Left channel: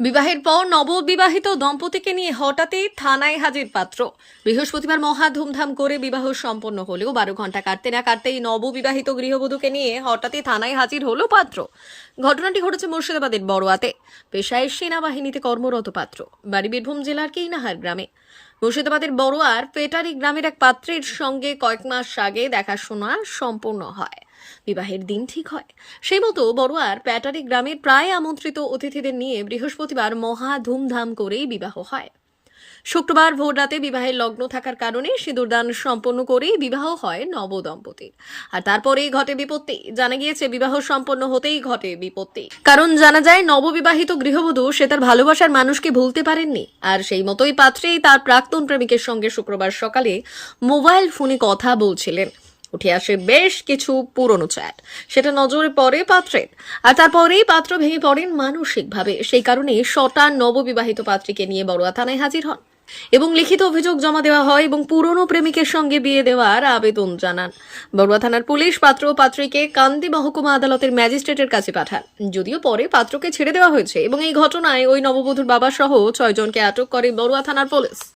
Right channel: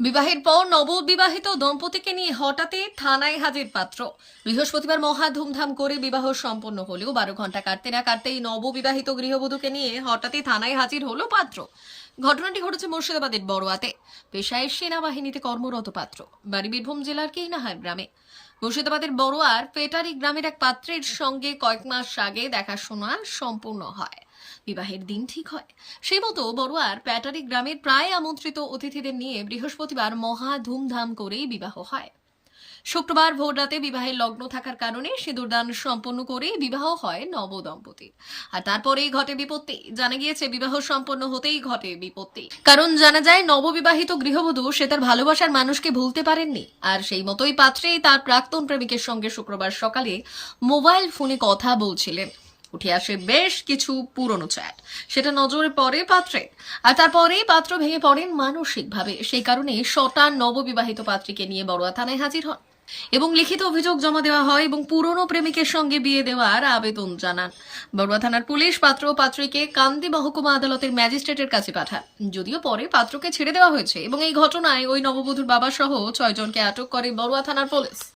বিবাহের পর নববিবাহিত দম্পতিকে নিয়ে হঠাৎই থানায় হাজির পাত্র। বৃহস্পতিবার মহা ধুমধাম করে বিবাহ সম্পন্ন হলেও 12 ঘন্টা কাটতে না কাটতেই নববিবাহিত গৃহবধূকে নিয়ে হঠাৎই থানায় হাজির হলো পাত্র। ঘটনাটি ঘটেছে মুর্শিদাবাদের বড়ুয়াতে। পেশায় সেনাবাহিনীতে কর্মরত পাত্র, বাড়ি বীরভূম জেলার কেইনাহার গ্রামে। মুর্শিদাবাদের বড়ুয়ার পেটারি গ্রামের এক পাত্রের সঙ্গে কয়েক মাস আগে দেখাশোনা সম্পূর্ণ হয়, বিবাহের দিন ঠিক হয়। সেই মতো বড়ুয়ার প্যাটারি গ্রামের প্রায় আমন্ত্রিত অতিথিদের নিয়ে বৃহস্পতিবার মহা ধুমধাম করেই বিবাহ হয়। শুক্রবার ভোর রাতে বিবাহের লগ্ন থাকার কারণে সিঁদুরদান সম্পন্ন করে বিবাহ হয় নবদম্পতির। আর তারপরেই ঘটে বিপত্তি। জানা গিয়েছে বিবাহ সম্পন্ন হতেই ঘটে বিপত্তি, কারণ জানা যায় নববিবাহিত গৃহবধূ সে তার ভালোবাসার মানুষকে ভুলতে পারেননি। আর সেই মতোই পাত্রেই তার প্রাক্তন প্রেমিকের সঙ্গে শুক্রবার সকালে মোবাইল ফোনে কথা বলছিলেন। উঠে আসে বেশ কিছু পুরনো চ্যাট, সেটা নজরে পড়ে পাত্রের। আর তারপরেই পাত্র ভেঙে পড়েন মানসিকভাবে। সেই কারণে শটার নববিবাহিত পাত্রীকে নিয়ে বড়ুয়া থানায় হাজির হন এবং লিখিত অভিযোগ জমা দেওয়া হয় এবং পুরনো প্রেমিকের সঙ্গে বিয়ে দেওয়ার আবেদন জানান। বড়ুয়া থানার পুলিশ পাত্র ও পাত্রীকে কান্দি মহকুমা আদালতের ম্যাজিস্ট্রেটের কাছে পাঠান। যদিও পরে পাত্রকে ছেড়ে দেওয়া হয়েছে এবং এই ঘটনায় ওই নববধূর বাবা সহ 6 জনকে আটক করে বড়ুয়া থানার পুলিশ।